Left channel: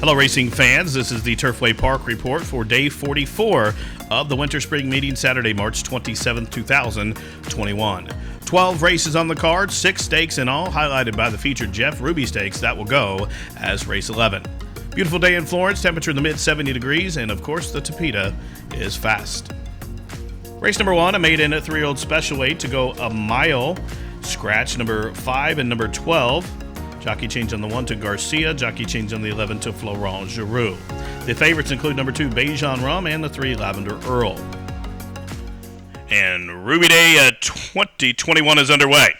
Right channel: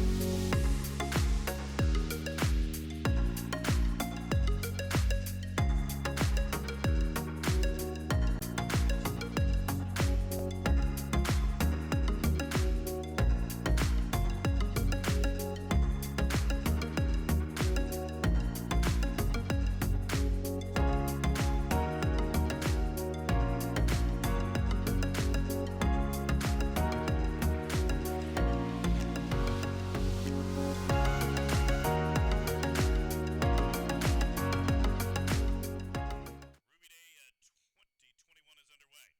Hello racing fans, this is the Turfway Park Report for day 44 of the Winter Spring Meeting, Saturday, March 27, 2021. 12 races on the card, 6 stakes in all, highlighted by the featured Jeff Ruby Stakes that will go as race 11. Beautiful day in Florence, temperature in the mid 70 degrees, and of course the Tapeta is fast. Race number 1, a maiden 3-year-old special weight to go a mile. Scratch number 5 and number 12. Jockey change on the 1 to Garcia. Jockey change on the 11 to Florent Giroux. The favorites include number 2, Bejan Rum, and the 3, Lavender Earl. And Ruby Day 2021 is underway.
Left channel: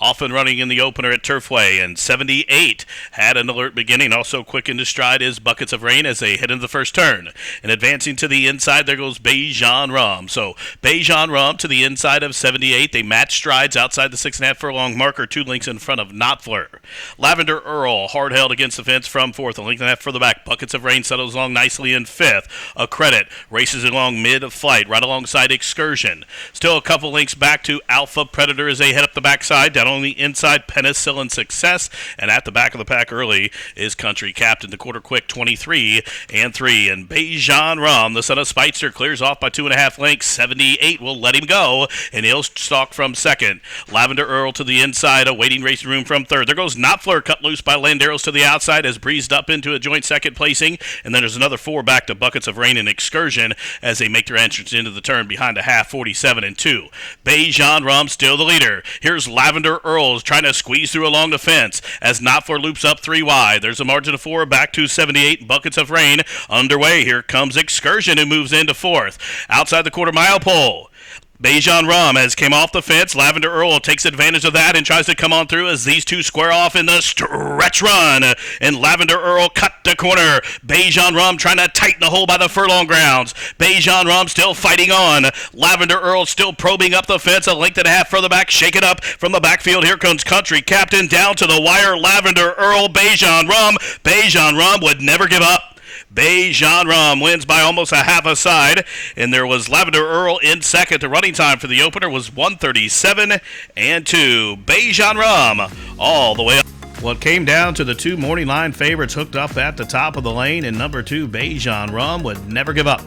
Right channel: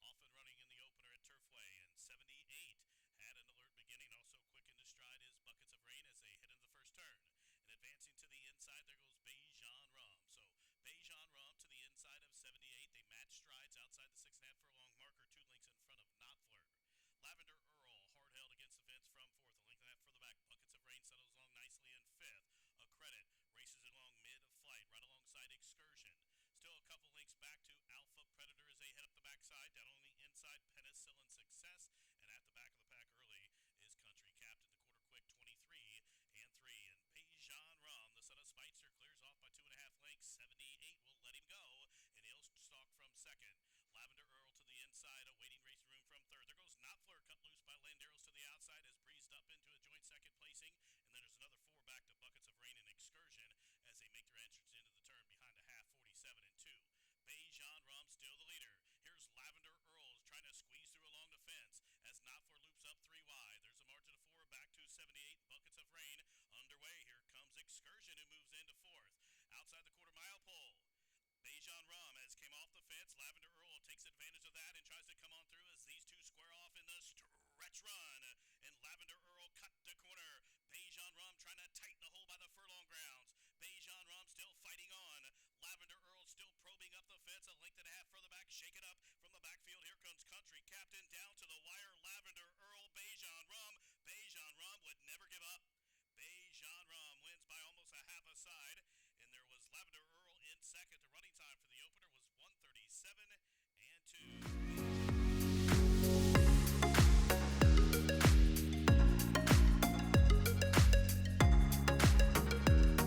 Off and running in the opener at Turfway, and 78 had an alert beginning. Also quick into stride is Buckets of Rain as they head into the first turn. And advancing to the inside, there goes Bejan Rum. So Bejan Rum to the inside of 78. They match strides outside the 6.5 furlong marker, 2 lengths in front of Knopfler. Lavender Earl, hard held against the fence from 4th, a length and a half further back. Buckets of Rain settles along nicely in 5th. A Credit races along mid-flight, right alongside Excursion. Still a couple lengths back to Alpha Predator as they head up the backside. Down on the inside, Penicillin Success, and at the back of the pack early is Country Captain. The quarter quick 23 and 3, and Bejan Rum, the son of Speitzer, clears off by 2.5 lengths. 78 will let him go, and he'll stalk from second. Lavender Earl to the inside, awaiting racing room from third. There goes Knopfler, cut loose by Landeros to the outside, has breezed up into a joint second placing, and then there's another 4 back to Buckets of Rain and Excursion as they make their entrance into the turn behind a half, 47 and 2. Bejan Rum still the leader. Here's Lavender Earl trying to squeeze through along the fence as Knopfler loops up 3 wide. There's a margin of 4 back to 78. Buckets of Rain underway. Here comes Excursion, who moves into 4th. Outside the quarter mile pole, Bejan Rum has came off the fence. Lavender Earl takes advantage of that and tries to come on through as these two square off in the stretch run. And Lavender Earl cut the corner. Bejan Rum trying to tighten the hole by the furlong grounds. Bejan Rum still fighting on. Lavender Earl still probing up the fence, a length and a half further back. Shake it up from the backfield. Here comes Country Captain down to the wire. Lavender Earl, Bejan Rum. Bejan Rum would never give up. Bejan Rum wins by almost a half a side, and there was Lavender Earl in second. The running time for the opener was 1:37 and 2. Bejan Rum all the way up. Well, it came down to the 2 morning line favorites hooked up at the top of the lane, and number 2, Bejan Rum, would never give up.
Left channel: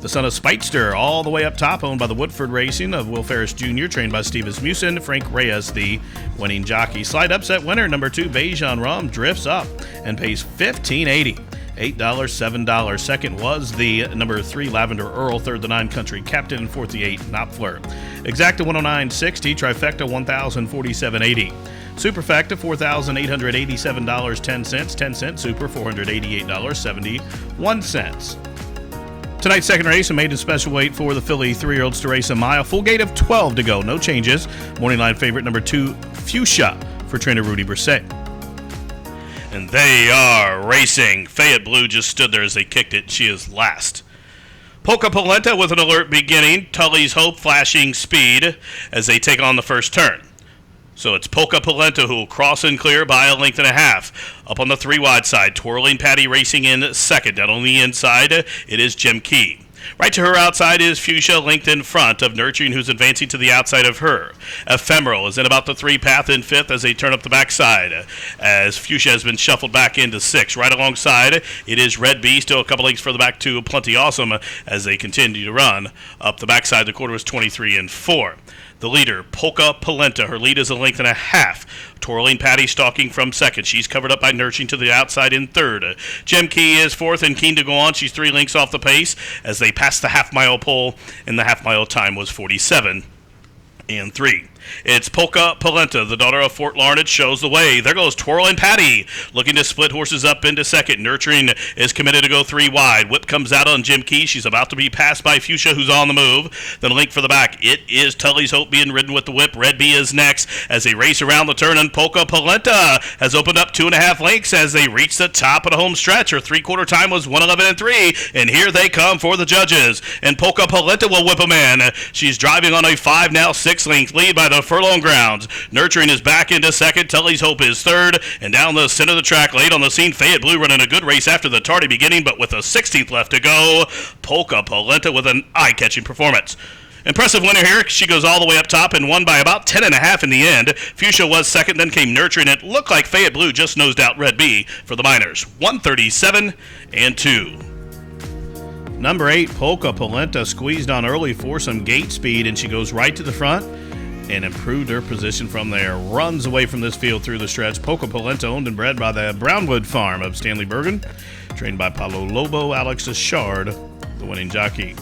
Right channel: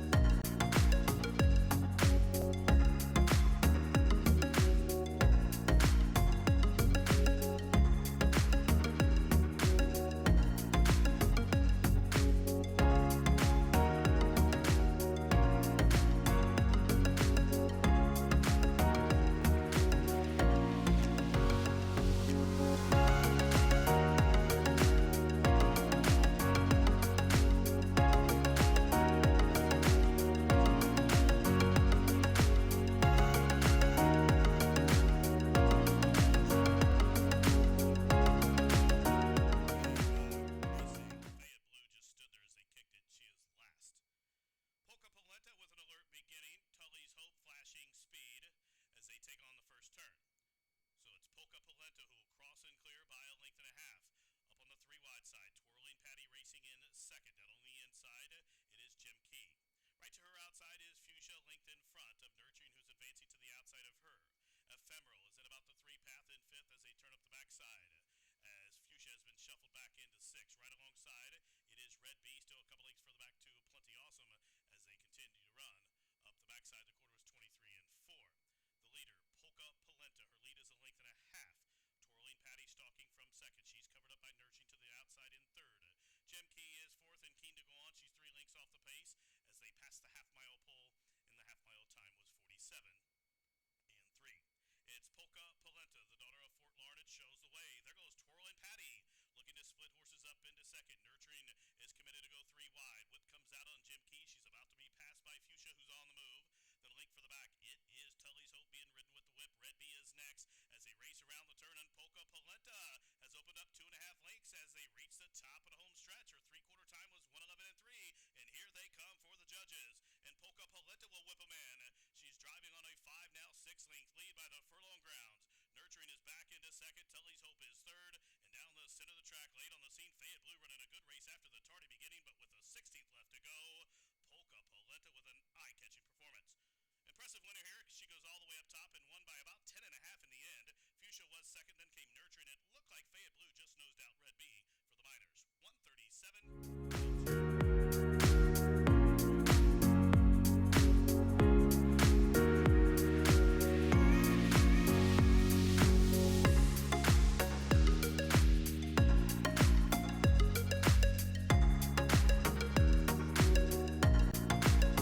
The son of Speitster all the way up top, owned by the Woodford Racing of Will Ferris Jr., trained by Steve Asmussen. Frank Reyes, the winning jockey. Slight upset winner, number 2, Bejan Rum, drifts up and pays $15.80. $8, $7. Second was the number 3, Lavender Earl. Third, the 9, Country Captain. And fourth, the 8, Knopfler. Exacta 109.60. Trifecta 1,047.80. Superfecta $4,887.10. 10 cents. Super $488.71. Tonight's second race, a maiden special weight for the filly 3-year-olds to race a mile. Full gate of 12 to go. No changes. Morning line favorite number 2, Fuchsia, for trainer Rudy Brisset. And they are racing. Fayette Blue just stood there as they kicked it. She is last. Polka Polenta with an alert beginning. Tully's Hope flashing speed as they take on the first turn. So it's Polka Polenta who will cross and clear by a length and a half. Up on the 3 wide side, Twirling Patty racing in second. Down on the inside, it is Jim Key. Right to her outside is Fuchsia, linked in front of Nurturing, who's advancing to the outside of her. Ephemeral is in about the 3 path in 5th as they turn up the backside, as Fuchsia has been shuffled back into 6. Right alongside, it is Red Bee, still a couple lengths further back to Plenty Awesome as they continue to run. Up the backside, the quarter was 23 and 4. The leader, Polka Polenta. Her lead is a length and a half. Twirling Patty stalking from second. She's covered up by Nurturing to the outside in third. Jim Key is fourth and keen to go on. She's 3 lengths off the pace as they pass the half-mile pole, and the half-mile time was 47 and 3. It's Polka Polenta, the daughter of Fort Larned, shows the way. There goes Twirling Patty, looking to split horses up into second. Nurturing is committed to go 3 wide. Whip comes out on Jim Key. She's about to be passed by Fuchsia, who's on the move. Then link for the back. It is Tully's Hope being ridden with the whip. Red Bee is next as they race around the turn, and Polka Polenta has opened up 2.5 lengths as they reach the top of the home stretch. Her 3/4 time was 1:11 and 3, and here they come for the judges. And Polka Polenta will whip them in. She's driving on a 5, now 6 length lead by the furlong grounds. Nurturing is back into second. Tully's Hope is third. And down the center of the track, late on the scene, Fayette Blue running a good race after the tardy beginning, but with a 16th left to go, Polka Polenta with an eye-catching performance. Impressive winner here. She goes all the way up top and won by about 10.5 in the end. Fuchsia was second, then came Nurture, and it looked like Fayette Blue just nosed out Red B for the Miners. 137-2. Number 8, Polka Polenta squeezed on early for some gate speed, and she goes right to the front and improved her position from there. Runs away from this field through the stretch. Polka Polenta, owned and bred by the Brownwood Farm of Stanley Bergen. Trained by Pablo Lobo, Alex Ashard, the winning jockey.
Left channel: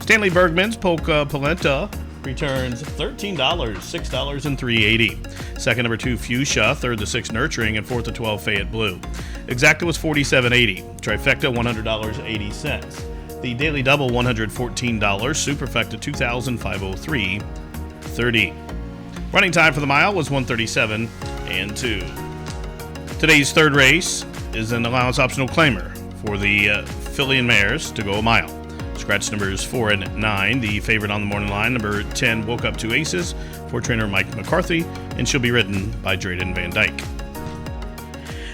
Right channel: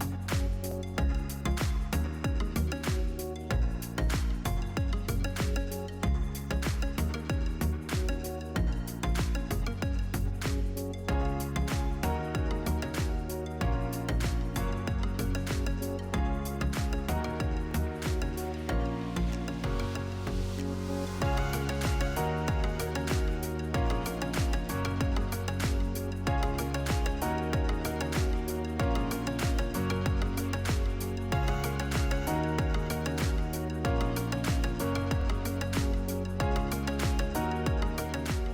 Stanley Bergman's Polka Polenta returns $13, $6 and $3.80. Second, number 2, Fuchsia. Third, the 6, Nurturing. And fourth, the 12, Fayette Blue. Exacta was $47.80. Trifecta, $100.80. The Daily Double, $114. Superfecta, $2,503.30. Running time for the mile was 137-2. Today's third race is an allowance optional claimer for the filly and mares to go a mile. Scratch numbers 4 and 9. The favorite on the morning line, number 10, Woke Up to Aces, for trainer Mike McCarthy, and she'll be ridden by Drayden Van Dyke.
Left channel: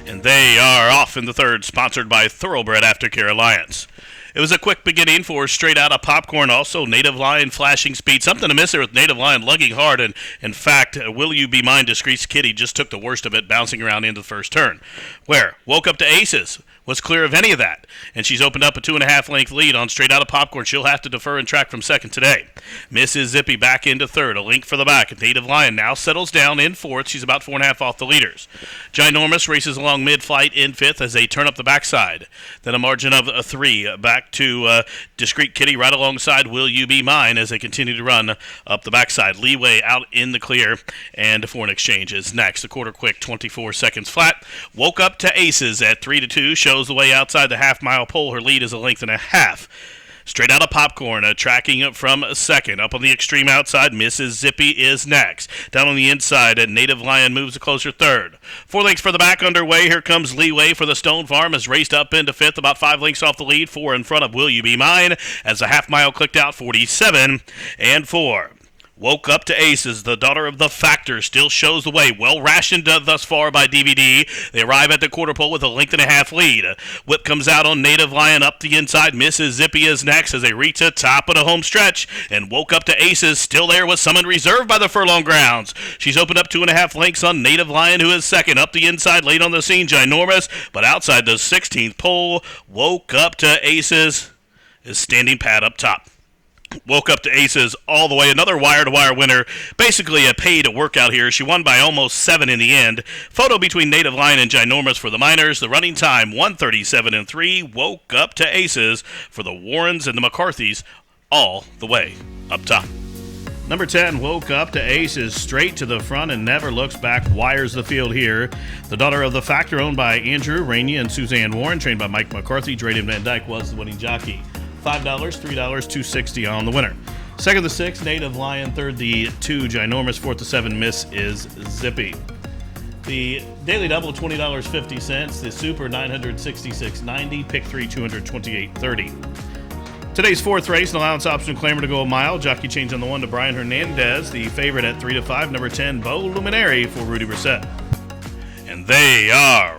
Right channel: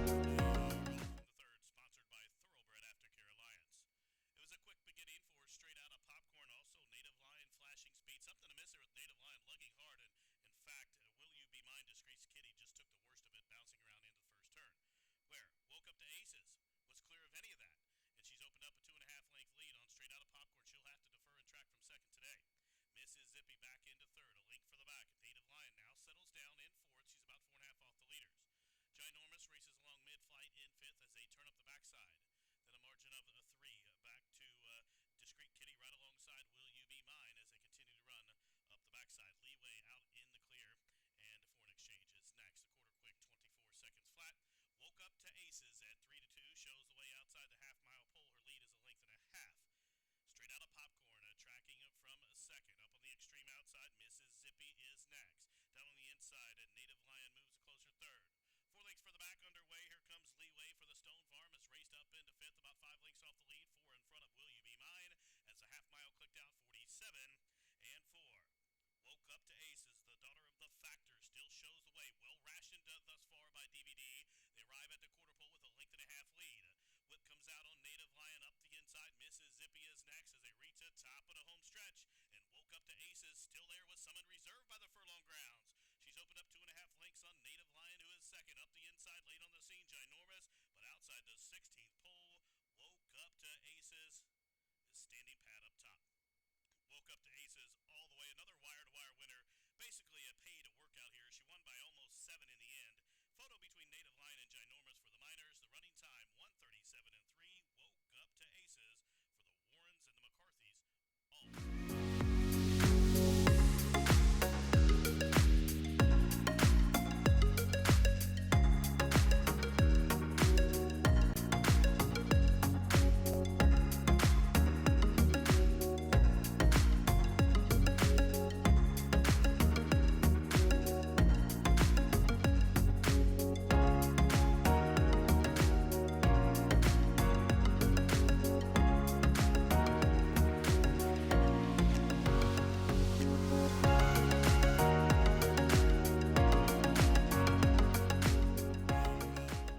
And they are off in the third, sponsored by Thoroughbred Aftercare Alliance. It was a quick beginning for Straight Outta Popcorn, also Native Lion flashing speed. Something to miss there with Native Lion lugging hard, and in fact, Will You Be Mine, Discreet Kitty just took the worst of it, bouncing around into the first turn. Where Woke Up to Aces was clear of any of that, and she's opened up a 2.5 length lead on Straight Outta Popcorn. She'll have to defer and track from second today. Mississippi back into third, a link for the back. Native Lion now settles down in fourth. She's about 4.5 off the leaders. Ginormous races along mid-flight in fifth as they turn up the backside. Then a margin of 3 back to Discreet Kitty right alongside Will You Be Mine as they continue to run up the backside. Leeway out in the clear, and Foreign Exchange is next. The quarter quick, 24 seconds flat. Woke Up to Aces at 3-2 shows the way outside the half-mile pole. Her lead is 1.5 lengths. Straight Outta Popcorn, tracking from second. Up on the extreme outside, Mississippi is next. Down on the inside, Native Lion moves a closer third. 4 lengths for the back underway. Here comes Leeway for the Stone Farm, has raced up into fifth, about 5 lengths off the lead. 4 in front of Will You Be Mine as the half-mile clicked out, 47-4. Woke Up to Aces, the daughter of the Factor, still shows the way. Well rationed thus far by DVD. They arrive at the quarter pole with a 1.5 lengths lead. Whip comes out on Native Lion up the inside. Mississippi is next as they reach the top of the home stretch. And Woke Up to Aces still there with some in reserve by the furlong grounds. She's opened up 2.5 lengths on Native Lion, who is second. Up the inside, late on the scene, Ginormous. But outside the 16th pole, Woke Up to Aces is standing pat up top. Woke Up to Aces all the way. Another wire-to-wire winner. Basically a paid workout here. She won by almost 7 in the end. Photo between Native Lion and Ginormous for the Miners. The running time, 137-3. Woke Up to Aces for the Warrens and the McCarthys all the way up top. Number 10, Woke Up to Aces, straight to the front and never looks back, wires the field here. The daughter of the Factor, owned by Andrew Rainey and Suzanne Warren, trained by Mike McCarthy. Drayden Van Dyke was the winning jockey. $5, $3, $2.60 on the winner. Second, the 6, Native Lion. Third, the 2, Ginormous. Fourth, the 7, Mississippi. The Daily Double, $20.50. The Super, $966.90. Pick 3, $228.30. Today's fourth race, an allowance option claimer to go a mile. Jockey change on the 1 to Brian Hernandez. The favorite at 3-5. Number 10, Beau Luminary for Rudy Brissett. And they are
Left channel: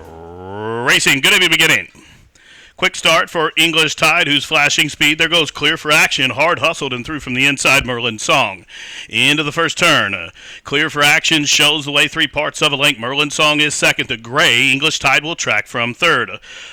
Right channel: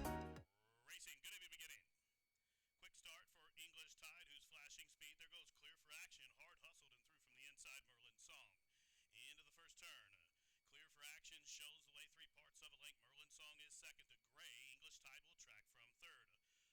racing. Good beginning. Quick start for English Tide, who's flashing speed. There goes Clear for Action. Hard hustled and through from the inside, Merlin Song. Into the first turn. Clear for Action shows the way 3 parts of a length. Merlin Song is second to Gray. English Tide will track from third.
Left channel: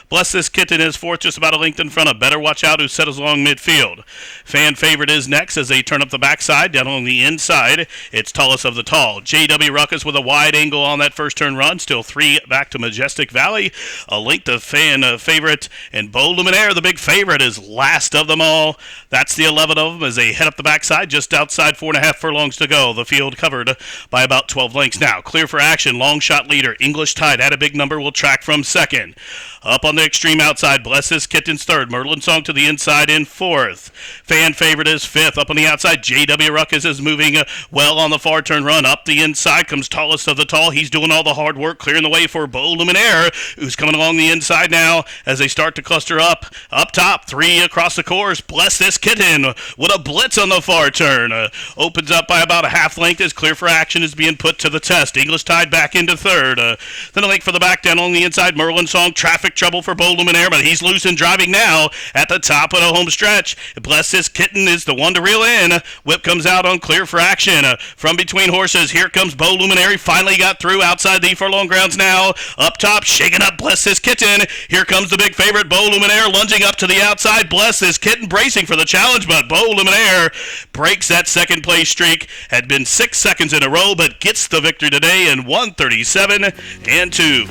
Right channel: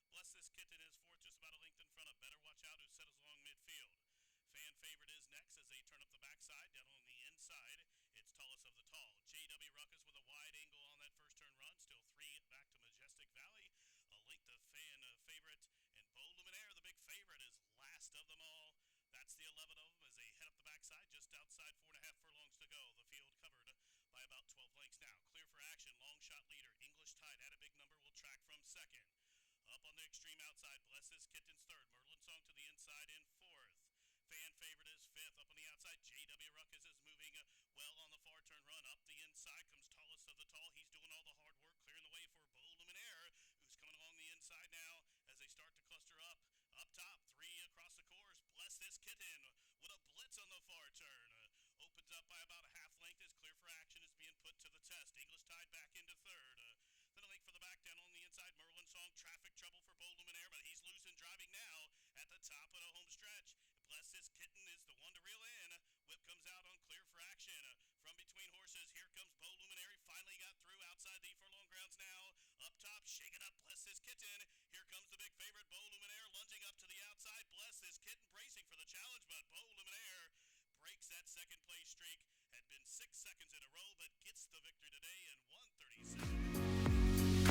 Bless This Kitten is fourth, just about a length in front of Better Watch Out, who settles along midfield. Fan Favorite is next as they turn up the backside. Down on the inside, it's Tallest of the Tall. J.W. Ruckus with a wide angle on that first turn run. Still 3 back to Majestic Valley. A length to Fan Favorite. And Beau Luminaire, the big favorite, is last of them all. That's the 11 of them as they head up the backside, just outside 4.5 furlongs to go. The field covered by about 12 lengths now. Clear for Action, long shot leader. English Tide at a big number will track from second. Up on the extreme outside, Bless This Kitten's third. Merlin Song to the inside in fourth. Fan Favorite is fifth. Up on the outside, J.W. Ruckus is moving well on the far turn run. Up the inside comes Tallest of the Tall. He's doing all the hard work, clearing the way for Beau Luminaire, who's coming along the inside now as they start to cluster up top, 3 across the course. Bless This Kitten with a blitz on the far turn. Opens up by about a half length as Clear for Action is being put to the test. English Tide back into third. Then a link for the back down on the inside. Merlin Song, traffic trouble for Bo Luminaire, but he's loose and driving now at the top of the home stretch. Bless This Kitten is the one to reel in. Whip comes out on Clear for Action. From between horses, here comes Bo Luminaire. Finally got through outside the furlong grounds now. Up top, shaking up Bless This Kitten. Here comes the big favorite, Bo Luminaire, lunging up to the outside. Bless This Kitten bracing for the challenge, but Bo Luminaire breaks that second place streak. Had been 6 seconds in a row, but gets the victory today in 1:37.2.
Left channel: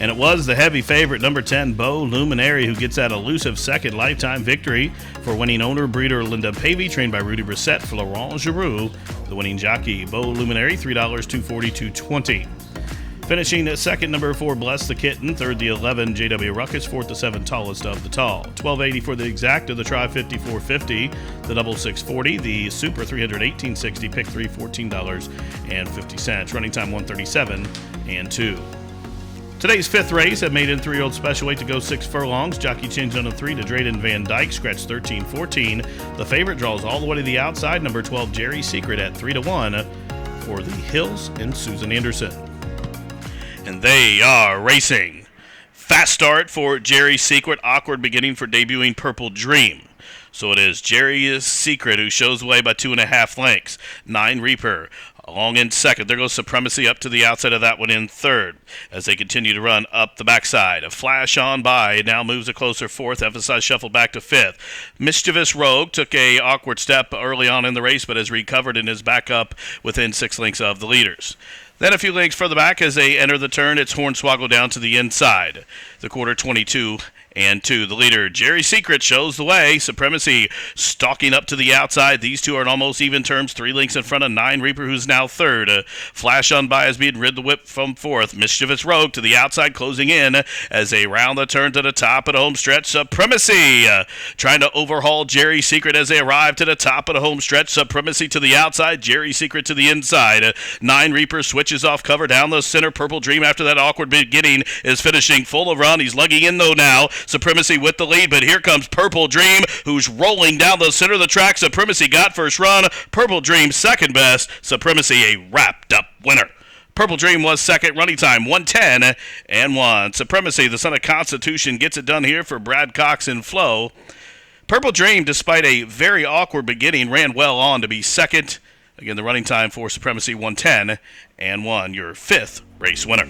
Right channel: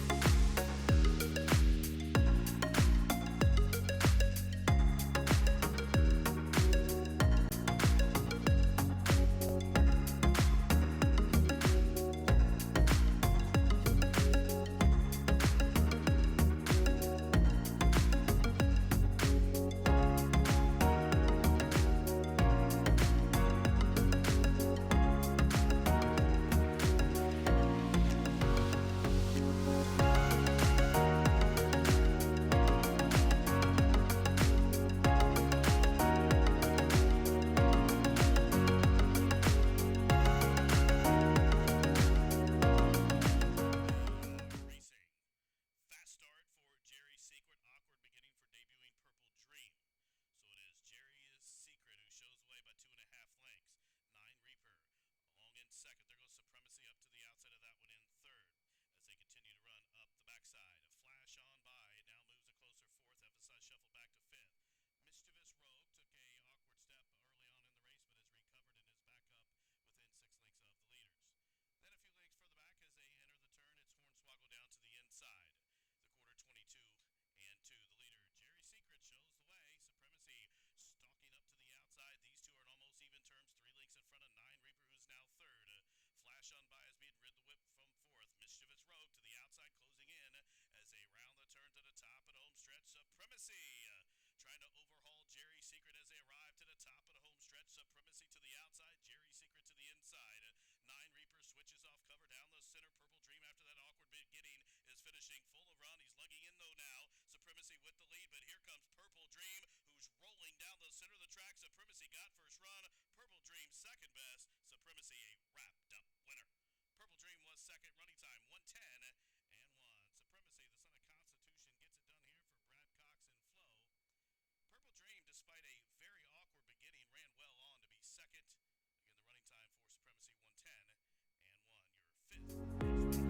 And it was the heavy favorite, number 10, Bo Luminaire, who gets that elusive second lifetime victory for winning owner breeder Linda Pavey, trained by Rudy Brissett for Laurent Giroux, the winning jockey. Bo Luminaire, $3, $240, $220. Finishing at second, number 4, Bless the Kitten. Third, the 11, JW Ruckus. Fourth, the 7, Tallest of the Tall. $12.80 for the exacta, the Tri 54.50, the double 640, the Super 300 18.60, pick 3 $14.50. Running time 1:37.2. Today's fifth race at maiden 3-year-old special weight to go 6 furlongs. Jockey changed on a 3 to Drayden Van Dyke, scratch 13-14. The favorite draws all the way to the outside. Number 12, Gerry Secret at 3-1 for the Hills and Susan Anderson. And they are racing. Fast start for Gerry Secret. Awkward beginning for debuting Purple Dream. So it is Gerry Secret who shows the way by 2.5 lengths. 9 Reaper along in second. There goes Supremacy up to the outside of that one in third as they continue to run up the backside. A flash on by. It now moves a closer fourth. Emphasize shuffle back to fifth. Mischievous Rogue took a awkward step early on in the race, but has recovered and is back up within 6 lengths of the leaders. Then a few lengths further back as they enter the turn, it's Hornswoggle down to the inside. The quarter 22-2. The leader, Gerry Secret, shows the way. Supremacy stalking up to the outside. These two are in almost even terms. 3 lengths in front of 9 Reaper, who's now third. Flash on by as being rid the whip from fourth. Mischievous Rogue to the outside, closing in as they round the turn to the top of the home stretch. Supremacy trying to overhaul Gerry Secret as they arrive to the top of the home stretch. Supremacy to the outside, Gerry Secret to the inside. 9 Reaper switches off cover down the center. Purple Dream, after that awkward beginning, is finishing full of run. He's lugging in though now. Supremacy with the lead, but here comes Purple Dream, who's rolling down the center of the track. Supremacy got first run. Purple Dream second best. Supremacy a wrapped up winner. Purple Dream was second, running time 1:10.1. Supremacy, the son of Constitution, gets it done here for Brad Cox and Flo. Purple Dream, despite a very awkward beginning, ran well on to be second. Again, the running time for Supremacy 1:10.1. Your fifth race winner.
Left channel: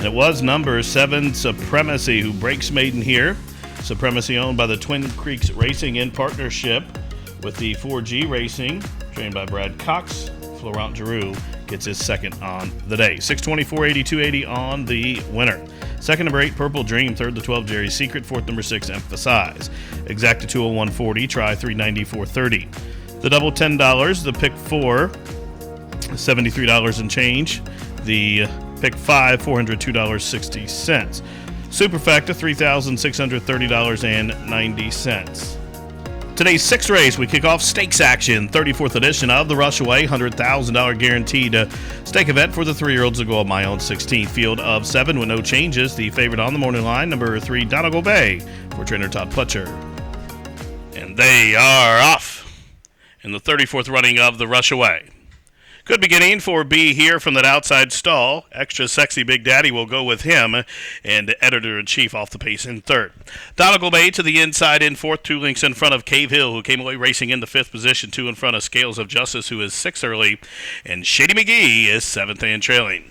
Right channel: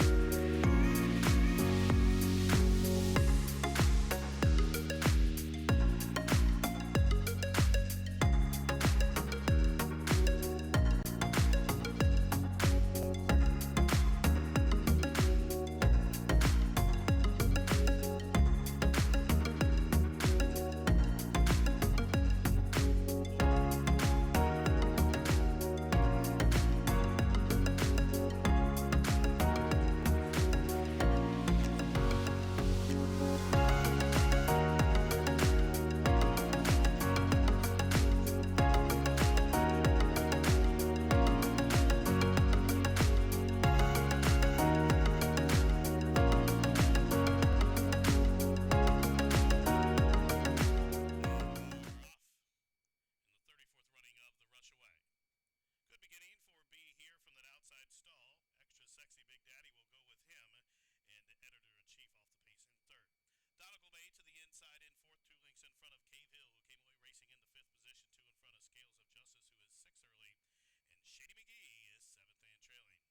It was number 7, Supremacy, who breaks maiden here. Supremacy owned by the Twin Creeks Racing in partnership with the 4G Racing, trained by Brad Cox. Laurent Giroux gets his second on the day. 6:24, 82.80 on the winner. Second, number 8, Purple Dream. Third, the 12, Gerry Secret. Fourth, number 6, Emphasize. Exacta 201.40, try 394.30. The double $10, the pick 4, $73 and change. The pick 5, $402.60. Superfecta, $3,630.90. Today's sixth race, we kick off stakes action, 34th edition of the Rushaway, $100,000 guaranteed stake event for the 3-year-olds to go on my own 16th field of 7 with no changes. The favorite on the morning line, number 3, Donegal Bay, for trainer Todd Pletcher. And they are off in the 34th running of the Rushaway. Good beginning for B here from that outside stall. Extra Sexy Big Daddy will go with him, and editor-in-chief off the pace in third. Donegal Bay to the inside in fourth, 2 lengths in front of Cave Hill, who came away racing in the 5th position, 2 in front of Scales of Justice, who is 6th early, and Shady McGee is 7th and trailing.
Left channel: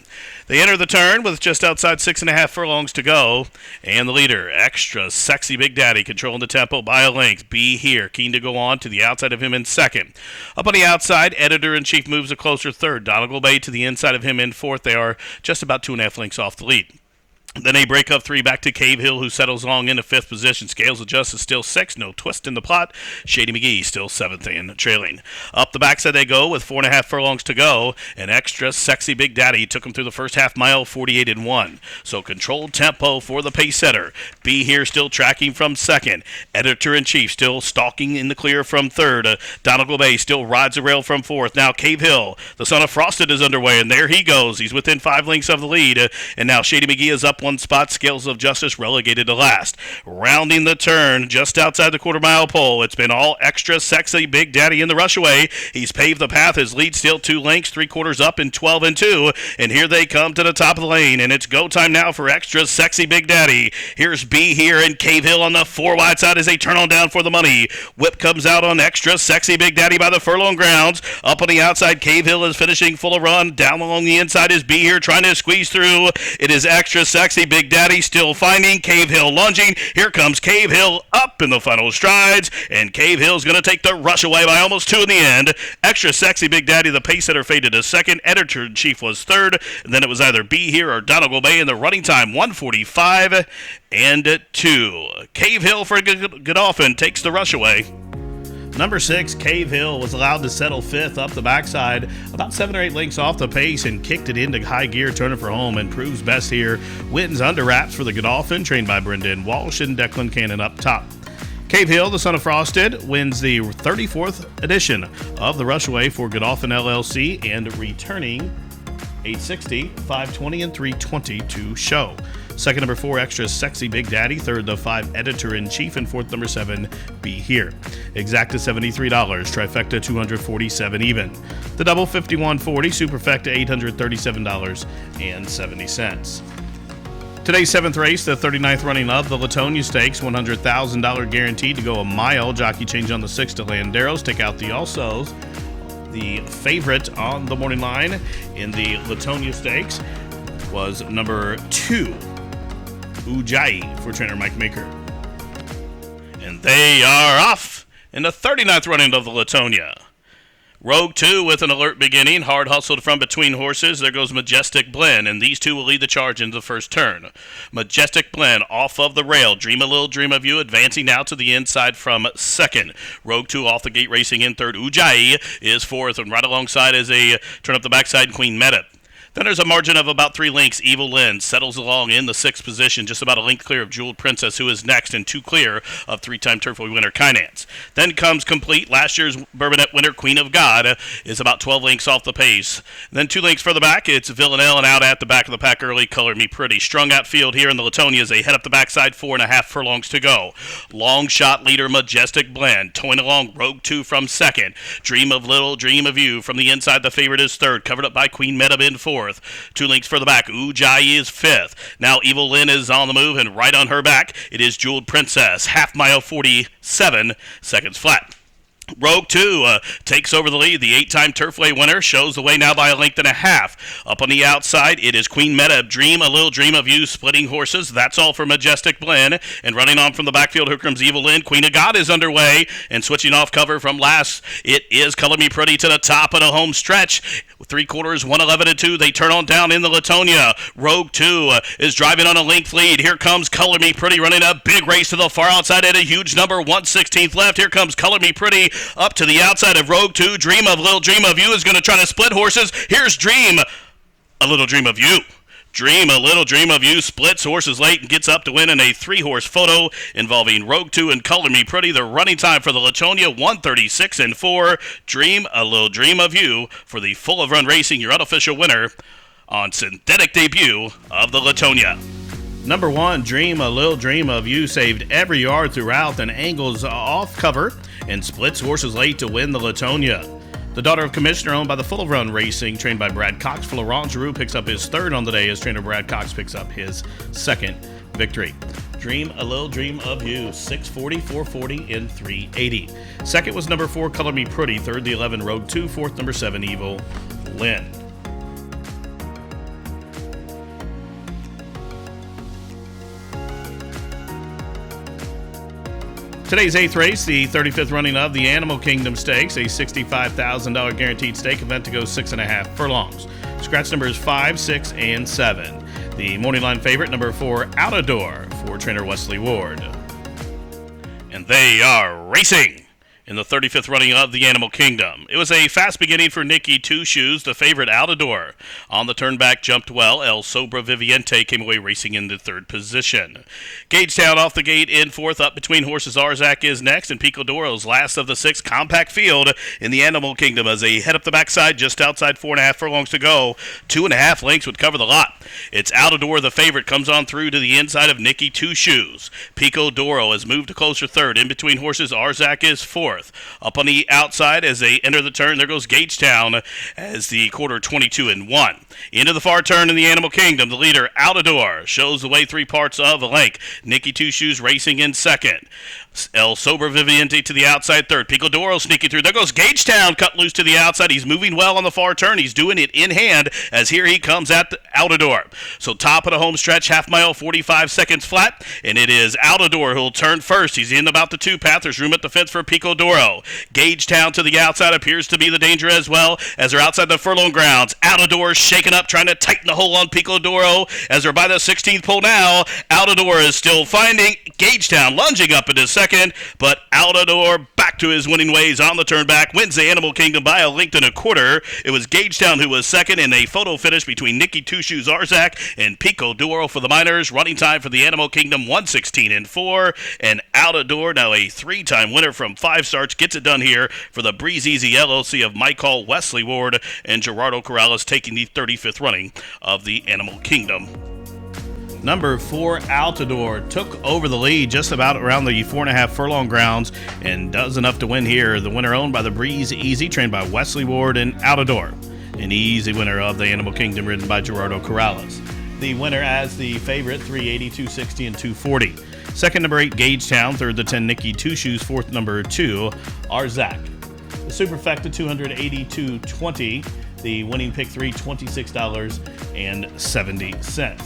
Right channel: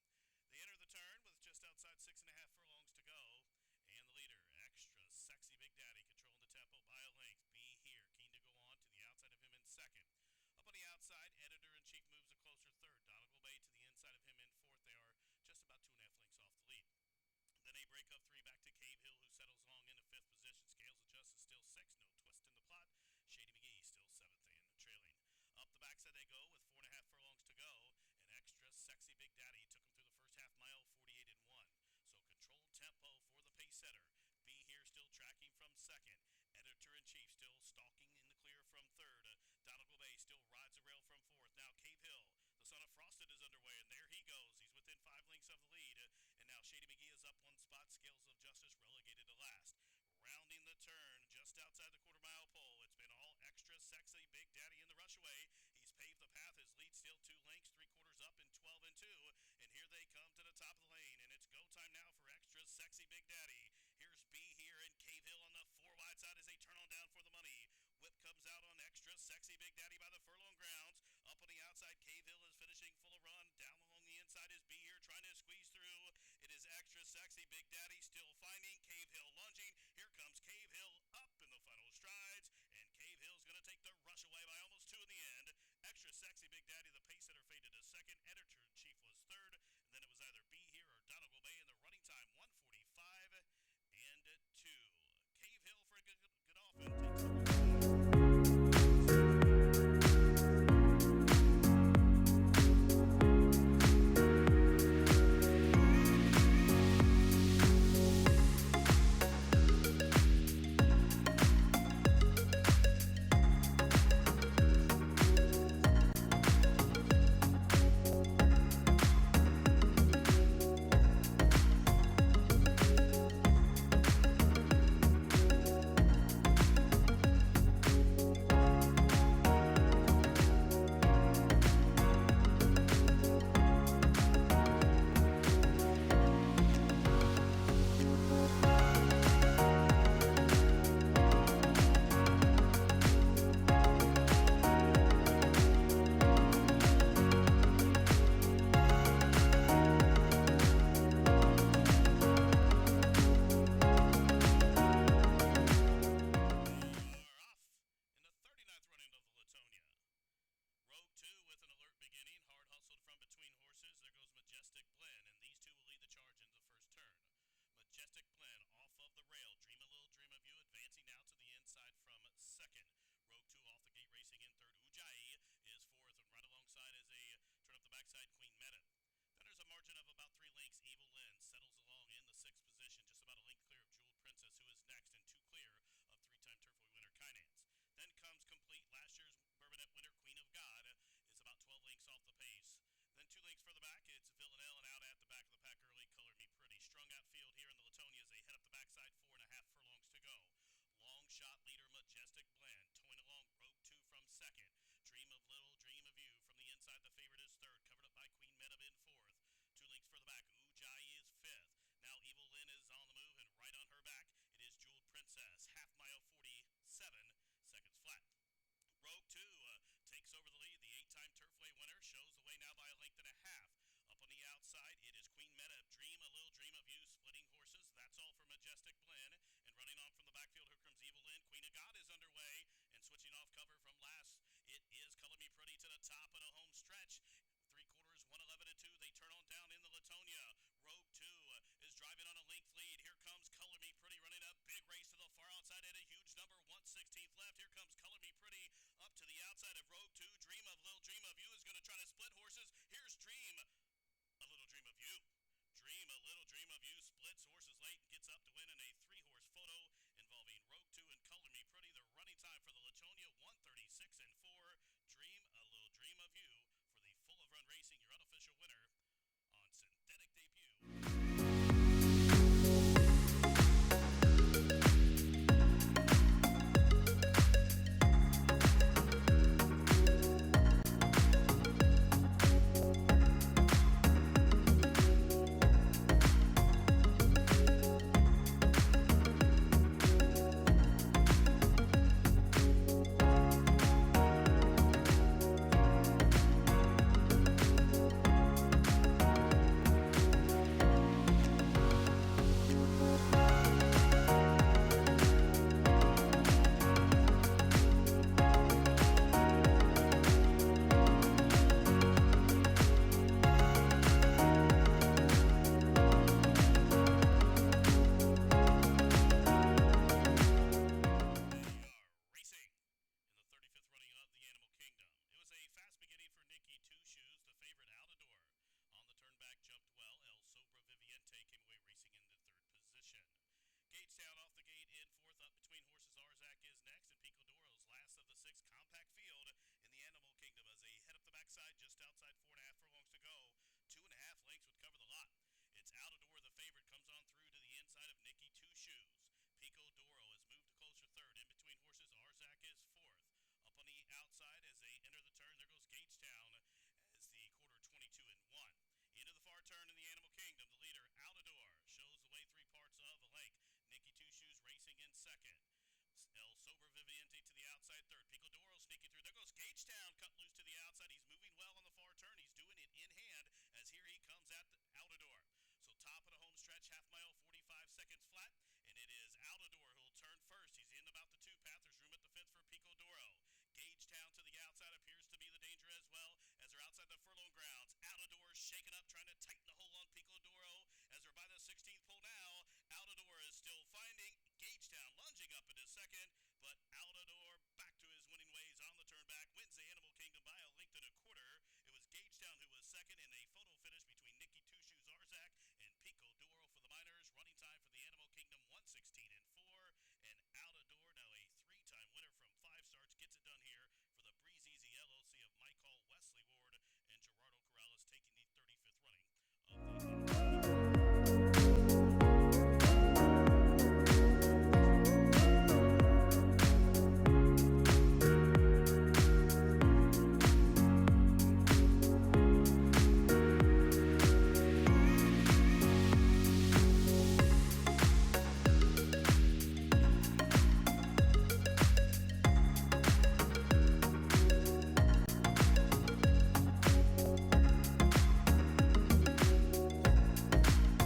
They enter the turn with just outside 6.5 furlongs to go, and the leader, Extra Sexy Big Daddy, controlling the tempo by a length. B here, keen to go on to the outside of him in second. Up on the outside, editor-in-chief moves a closer third. Donegal Bay to the inside of him in fourth. They are just about 2.5 lengths off the lead. Then they break up 3 back to Cave Hill, who settles long into 5th position. Scales of Justice still 6th, no twist in the plot. Shady McGee still 7th and trailing. Up the backside they go with 4.5 furlongs to go. And Extra Sexy Big Daddy took him through the first half mile, 48-1. So controlled tempo for the pace setter. B here still tracking from second. Editor-in-chief still stalking in the clear from third. Donegal Bay still rides the rail from fourth. Now Cave Hill, the son of Frosted, is underway, and there he goes. He's within 5 lengths of the lead. And now Shady McGee is up one spot. Scales of Justice relegated to last. Rounding the turn just outside the quarter-mile pole, it's been all Extra Sexy Big Daddy in the rush away. He's paved the path. His lead still 2 lengths, 3/4 up in 12 and 2. And here they come to the top of the lane, and it's go time now for Extra Sexy Big Daddy. Here's B here and Cave Hill on the 4 wide side as they turn on down for the money. Whip comes out on Extra Sexy Big Daddy by the furlong grounds. Up on the outside, Cave Hill is finishing full of run. Down along the inside is B here trying to squeeze through. It is Extra Sexy Big Daddy still finding Cave Hill lunging. Here comes Cave Hill up in the final strides, and Cave Hill's going to take the rush away by almost 2 in the end. Extra Sexy Big Daddy, the pace setter, faded to second. Editor-in-Chief was third, and then it was either B here or Donegal Bay in the running time, 1:45 and 2. Cave Hill for Godolphin takes the rush away. Number 6, Cave Hill, was allowed to settle 5th up the backside, about 7 or 8 lengths off the pace, and kicked it into high gear, turning for home, and proves best here. Wins under wraps for the Godolphin, trained by Brendan Walsh and Declan Cannon up top. Cave Hill, the son of Frosted, wins the 34th edition of the Rushaway for Godolphin LLC, and returning 860, 520, and 320 to show. Second, number 4, Extra Sexy Big Daddy. Third, the 5, Editor-in-Chief. And fourth, number 7, Be Here. Exacta $73. Trifecta $247 even. The double $51.40. Superfecta $837.70. Today's 7th race, the 39th running of the Latonia Stakes. $100,000 guaranteed to go a mile. Jockey change on the 6 to Landeros. Take out the Alsos. The favorite on the morning line in the Latonia Stakes was number 2, Ujai, for trainer Mike Maker. And they are off in the 39th running of the Latonia. Rogue 2 with an alert beginning, hard hustled from between horses. There goes Majestic Blend, and these two will lead the charge into the first turn. Majestic Blend off of the rail. Dream a Little Dream of You advancing now to the inside from second. Rogue 2 off the gate racing in third. Ujai is fourth, and right alongside is a turn up the backside Queen Meta. Then there's a margin of about 3 lengths. Evil Lynn settles along in the 6th position, just about a length clear of Jeweled Princess, who is next, and 2 clear of 3-time Turfway winner Kynance. Then comes Complete. Last year's Bourbonette winner Queen of God is about 12 lengths off the pace. Then 2 lengths further back, it's Villanelle, and out at the back of the pack early, Color Me Pretty. Strung out field here in the Latonia as they head up the backside, 4.5 furlongs to go. Long shot leader Majestic Blend, towing along Rogue 2 from second. Dream of Little Dream of You from the inside, the favorite is third, covered up by Queen Meta in fourth. 2 lengths further back, Ujai is 5th. Now Evil Lynn is on the move, and right on her back, it is Jeweled Princess. Half mile 47 seconds flat. Rogue 2 takes over the lead. The 8-time Turfway winner shows the way now by a length and a half. Up on the outside, it is Queen Meta. Dream a Little Dream of You, splitting horses. That's all for Majestic Blend. And running on from the backfield, here comes Evil Lynn. Queen of God is underway. And switching off cover from last, it is Color Me Pretty to the top of the home stretch. 3/4, 111 and 2. They turn on down in the Latonia. Rogue 2 is driving on a length lead. Here comes Color Me Pretty running a big race to the far outside at a huge number, 1/16 left. Here comes Color Me Pretty up to the outside of Rogue 2. Dream of Little Dream of You is going to try to split horses. Here's Dream a Little Dream of You. Dream a Little Dream of You splits horses late and gets up to win in a 3-horse photo involving Rogue 2 and Color Me Pretty. The running time for the Latonia, 1:36 and 4. Dream a Little Dream of You for the Full of Run Racing, your unofficial winner on synthetic debut of the Latonia. Number 1, Dream a Little Dream of You, saved every yard throughout and angles off cover and splits horses late to win the Latonia. The daughter of Commissioner, owned by the Full of Run Racing, trained by Brad Cox. Florent Giroux picks up his 3rd on the day as trainer Brad Cox picks up his 2nd victory. Dream a Little Dream of You, 640, 440, and 380. Second was number 4, Color Me Pretty. Third, the 11, Rogue 2. Fourth, number 7, Evil Lynn. Today's 8th race, the 35th running of the Animal Kingdom Stakes, a $65,000 guaranteed stake event to go 6.5 furlongs. Scratch numbers 5, 6, and 7. The morning line favorite, number 4, Outadore, for trainer Wesley Ward. And they are racing in the 35th running of the Animal Kingdom. It was a fast beginning for Nicky Two Shoes, the favorite OUTADORE. On the turn back, jumped well. SOBREVIVIENTE came away racing into third position. Gagetown off the gate in fourth. Up between horses, ARZAK is next, and PICO last of the six. Compact field in the Animal Kingdom as they head up the backside just outside 4.5 furlongs to go. 2.5 lengths would cover the lot. It's OUTADORE, the favorite, comes on through to the inside of Nicky Two Shoes. PICO has moved to closer third. In between horses, ARZAK is fourth. Up on the outside as they enter the turn, there goes Gagetown as the quarter 22-1. Into the far turn in the Animal Kingdom, the leader, OUTADORE, shows the way 3 parts of a length. Nicky Two Shoes racing in second. SOBREVIVIENTE to the outside third. PICO sneaking through. There goes Gagetown, cut loose to the outside. He's moving well on the far turn. He's doing it in hand as here he comes at the OUTADORE. So top of the home stretch, half mile, 45 seconds flat, and it is OUTADORE who'll turn first. He's in about the 2 path. There's room at the fence for PICO. Gagetown to the outside appears to be the danger as well as they're outside the furlong grounds. OUTADORE shaking up, trying to tighten the hole on PICO as they're by the 16th pole now. OUTADORE is still finding Gagetown lunging up into second, but OUTADORE back to his winning ways on the turn back, wins the Animal Kingdom by a length and a quarter. It was Gagetown who was second in a photo finish between Nicky Two Shoes ARZAK and PICO for the minors. Running time for the Animal Kingdom 1:16.4, and OUTADORE, now a 3-time winner from 5 starts, gets it done here for the Breeze Easy LLC of Michael Wesley Ward and Gerardo Corrales, taking the 35th running of the Animal Kingdom. Number 4, OUTADORE, took over the lead just about around the 4.5 furlong grounds and does enough to win here. The winner owned by the Breeze Easy, trained by Wesley Ward, and OUTADORE, an easy winner of the Animal Kingdom, ridden by Gerardo Corrales. The winner as the favorite, 380, 260, and 240. Second, number 8, Gagetown. Third, the 10, Nicky Two Shoes. Fourth, number 2, ARZAK. The superfecta, 280, 220. The winning pick 3, $26.70.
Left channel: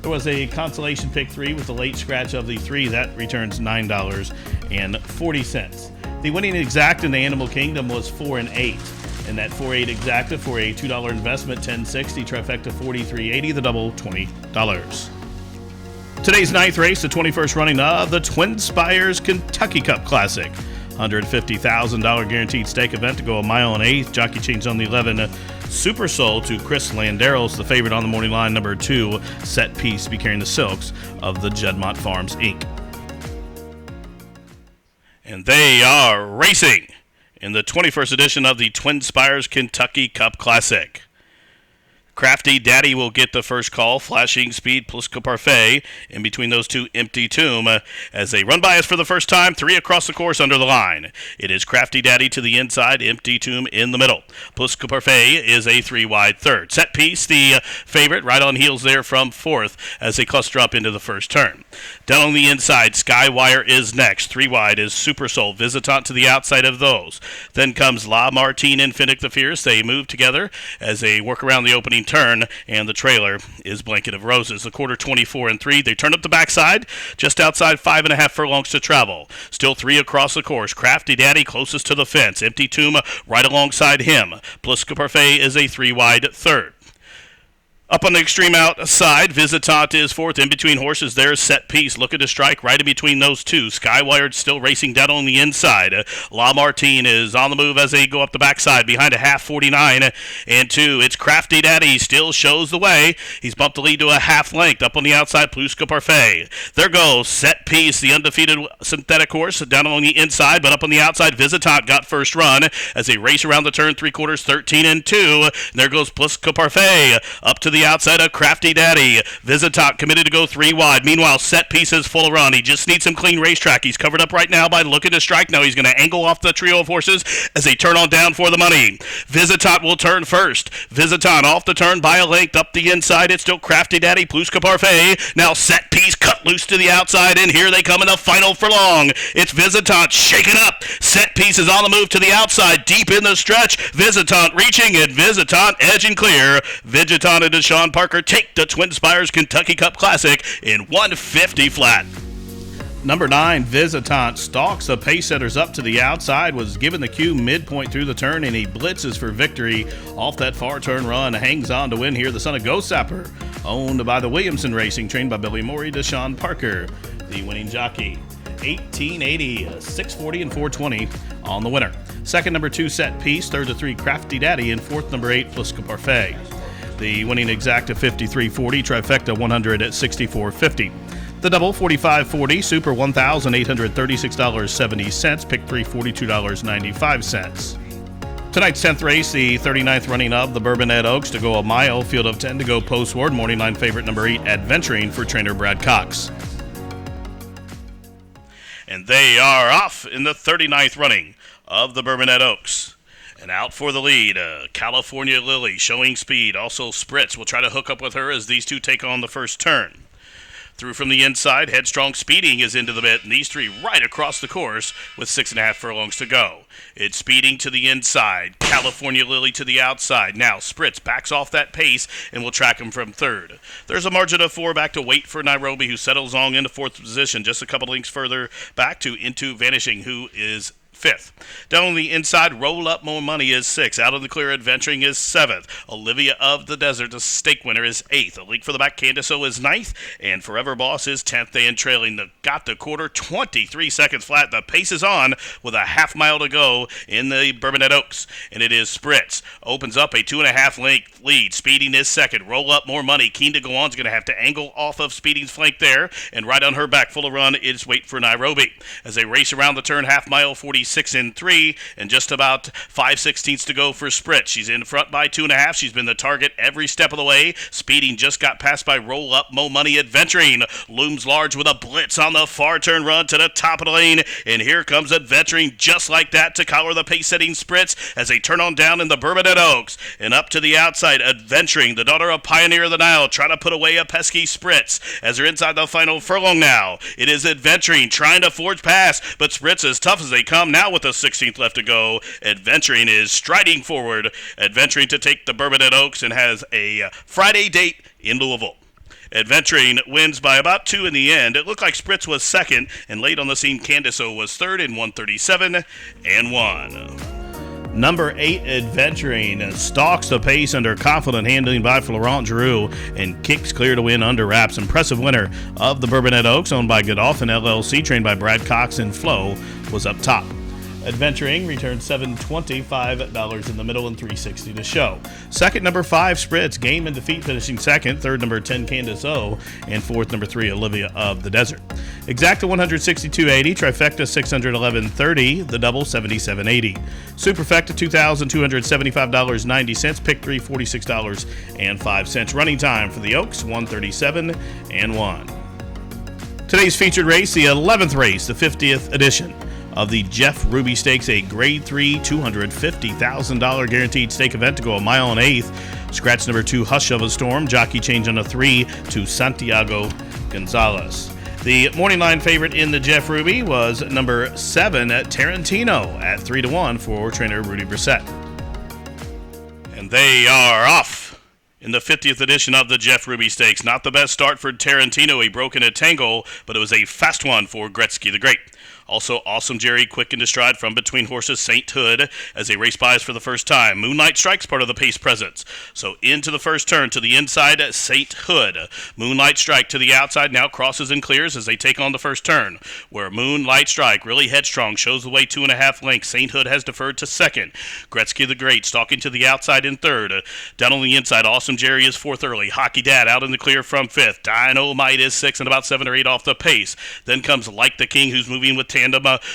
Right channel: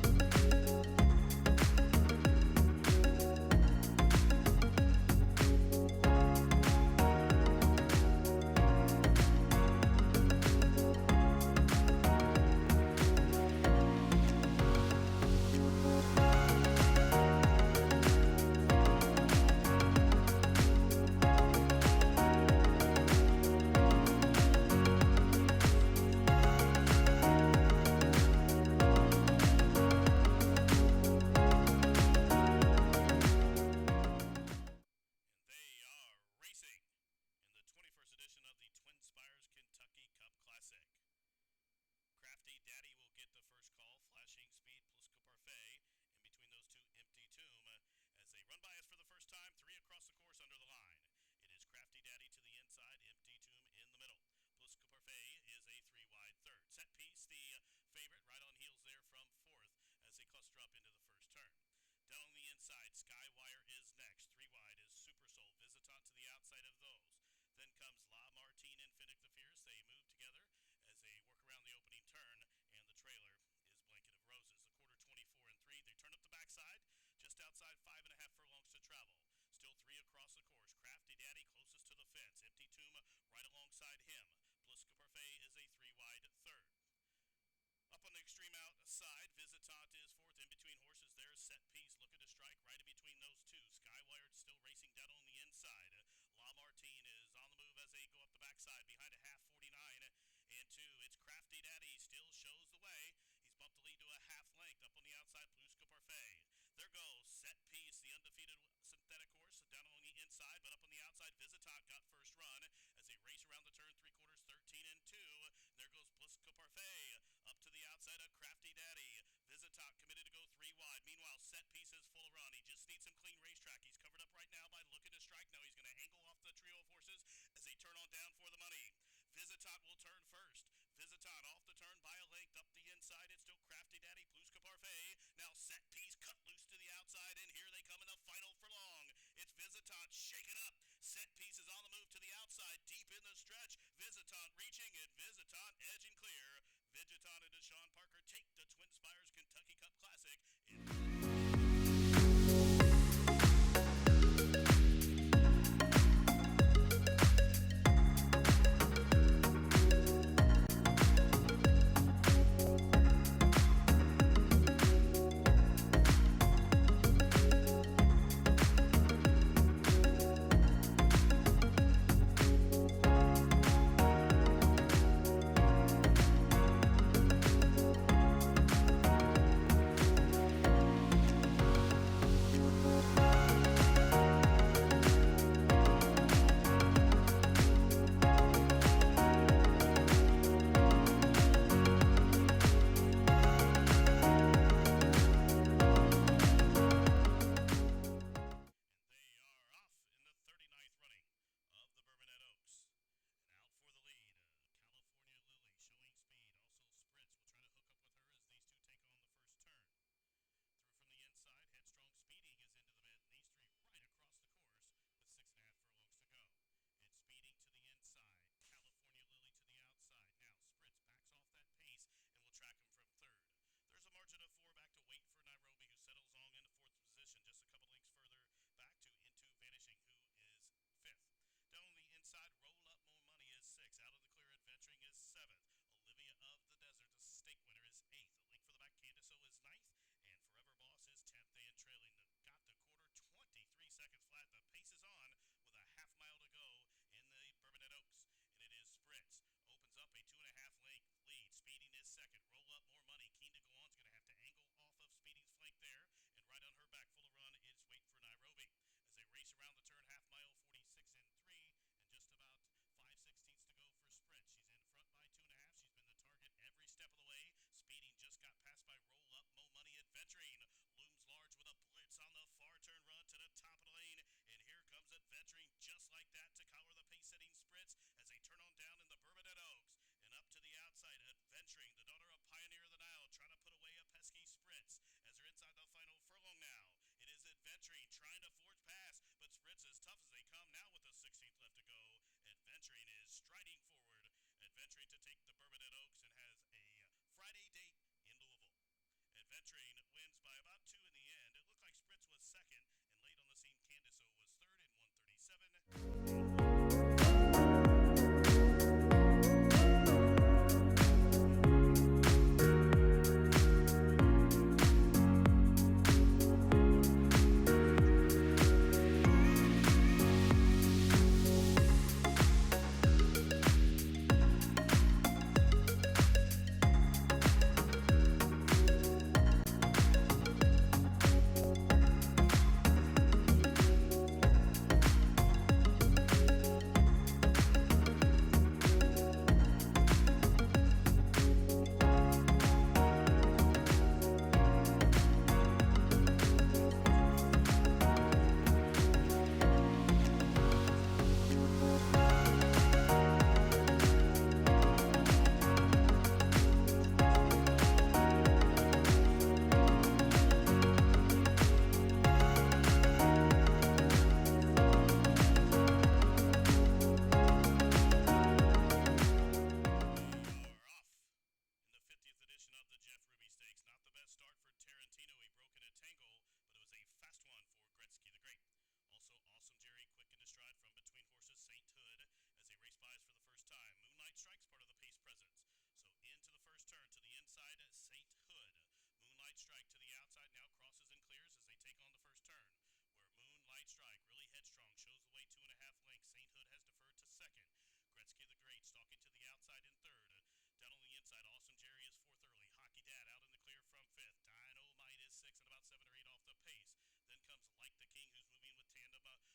There was a consolation pick 3 with a late scratch of the 3. That returns $9.40. The winning exact in the Animal Kingdom was 4 and 8. And that 4-8 exacta for a $2 investment, $10.60, trifecta $43.80, the double $20. Today's 9th race, the 21st running of the Twin Spires Kentucky Cup Classic. $150,000 guaranteed stake event to go 1 mile and 1/8. Jockey change on the 11, Super Soul, to Chris Landeros, the favorite on the morning line. Number 2, Set Piece, to be carrying the silks of the Jedmont Farms, Inc. And they are racing in the 21st edition of the Twin Spires Kentucky Cup Classic. Crafty Daddy will get the first call. Flashing Speed, Plisco Parfait, in between those two, Empty Tomb, as they run by us for the first time. 3 across the course under the line. It is Crafty Daddy to the inside, Empty Tomb in the middle. Plisco Parfait is a 3-wide third. Set Piece, the favorite, right on heels there from fourth as they cluster up into the first turn. Down on the inside, Skywire is next. 3 wide is Super Soul, Visitant to the outside of those. Then comes La Martine and Finnick the Fierce. They move together as they work around the opening turn, and the trailer is Blanket of Roses. The quarter 24-3. They turn up the backside, just outside 5.5 furlongs to travel. Still 3 across the course. Crafty Daddy closest to the fence. Empty Tomb right alongside him. Plisco Parfait is a 3-wide third. Up on the extreme outside, Visitant is fourth. In between horses, there's Set Piece, looking to strike right in between those two. Skywired still racing down on the inside. La Martine is on the move as they go up the backside behind a half, 49-2. It's Crafty Daddy, still shows the way. He's bumped the lead to a half length. Up on the outside, Plisco Parfait. There goes Set Piece, the undefeated synthetic horse, down on the inside, but up on the outside, Visitant got first run as they race around the turn, 3/4, 13-2. There goes Plisco Parfait up to the outside of Crafty Daddy. Visitant committed to go 3 wide. Meanwhile, Set Piece is full of run. He just needs some clean racetrack. He's covered up right now by looking to strike. Now he's going to angle off the trio of horses as they turn on down for the money. Visitant will turn first. Visitant off the turn by a length up the inside. It's still Crafty Daddy, Plisco Parfait. Now Set Piece cut loose to the outside, and here they come in the final furlong. It's Visitant shaking up. Set Piece is on the move to the outside, deep in the stretch. Visitant reaching, and Visitant edging clear. Visitant and Sean Parker take the Twin Spires Kentucky Cup Classic in 150 flat. Number 9, Visitant, stalks the pace setters up to the outside, was given the cue midpoint through the turn, and he blitzes for victory off that far turn run. Hangs on to win here, the son of Ghost Sapper, owned by the Williamson Racing, trained by Billy Morey, Deshaun Parker, the winning jockey. 1880, 640 and 420 on the winner. Second, number 2, Set Piece. Third, the 3, Crafty Daddy. And fourth, number 8, Fliska Parfait. The winning exacta 53.40, trifecta 164.50. The double 45.40, super $1,836.70, pick 3 $42.95. Tonight's 10th race, the 39th running of the Bourbonnais Oaks to go a mile, field of 10 to go postward. Morning line favorite number 8, Adventuring for trainer Brad Cox. And they are off in the 39th running of the Bourbonnais Oaks. And out for the lead, California Lily showing speed. Also Spritz will try to hook up with her as these two take on the first turn. Through from the inside, Headstrong Speeding is into the bit, and these three right across the course with 6.5 furlongs to go. It's Speeding to the inside, California Lily to the outside. Now Spritz backs off that pace and will track him from third. There's a margin of 4 back to Wait for Nairobi, who settles on into fourth position, just a couple links further back to Into Vanishing, who is 5th. Down on the inside, Roll Up More Money is 6th. Out of the clear, Adventuring is 7th. Olivia of the Desert, the stake winner, is 8th. A leak for the back, Candace O is 9th. And Forever Boss is 10th. They in trailing got the quarter, 23 seconds flat. The pace is on with a half mile to go in the Bourbonnais Oaks. And it is Spritz. Opens up a 2.5 length lead. Speeding is second. Roll Up More Money. Keen to go on is going to have to angle off of Speeding's flank there. And right on her back, full of run, is Wait for Nairobi. As they race around the turn, half mile, 46 in 3, and just about 5/16 to go for Spritz. She's in front by 2.5. She's been the target every step of the way. Speeding just got passed by Roll Up Mo Money. Adventuring looms large with a blitz on the far turn run to the top of the lane, and here comes Adventuring just like that to collar the pace-setting Spritz as they turn on down in the Bourbonnais Oaks. And up to the outside, Adventuring, the daughter of Pioneer of the Nile, trying to put away a pesky Spritz as they're inside the final furlong now. It is Adventuring trying to forge past, but Spritz as tough as they come now with the 16th left to go. Adventuring is striding forward. Adventuring to take the Bourbonnais Oaks and has a Friday date in Louisville. Adventuring wins by about 2 in the end. It looked like Spritz was second, and late on the scene, Candace O was third in 1:37 and 1. Number 8, Adventuring, stalks the pace under confident handling by Florent Giroux and kicks clear to win under wraps. Impressive winner of the Bourbonnais Oaks, owned by Godolphin LLC, trained by Brad Cox, and Flo was up top. Adventuring returned $725 in the middle and $360 to show. Second, number 5, Spritz, game and defeat, finishing second. Third, number 10, Candace O. And fourth, number 3, Olivia of the Desert. Exacta 162.80, trifecta 611.30, the double 77.80. Superfecta $2,275.90, pick 3 $46.05. Running time for the Oaks 1:37 and 1. Today's featured race, the 11th race, the 50th edition of the Jeff Ruby Stakes, a Grade 3 $250,000 guaranteed stake event to go a mile and 1/8. Scratch number 2, Hush of a Storm. Jockey change on a 3 to Santiago Gonzalez. The morning line favorite in the Jeff Ruby was number 7, Tarantino, at 3-1 for trainer Rudy Brissett. And they are off in the 50th edition of the Jeff Ruby Stakes. Not the best start for Tarantino. He broke in a tangle, but it was a fast one for Gretzky the Great. Also, Awesome Jerry quick into stride from between horses Sainthood as they race by us for the first time. Moonlight Strike's part of the pace presence. So into the first turn to the inside, Sainthood. Moonlight Strike to the outside now crosses and clears as they take on the first turn, where Moonlight Strike, really headstrong, shows the way 2.5 lengths. Sainthood has deferred to second. Gretzky the Great stalking to the outside in third. Down on the inside, Awesome Jerry is fourth early. Hockey Dad out in the clear from fifth. Dynamite is sixth and about 7 or 8 off the pace. Then comes Like the King, who's moving with tandem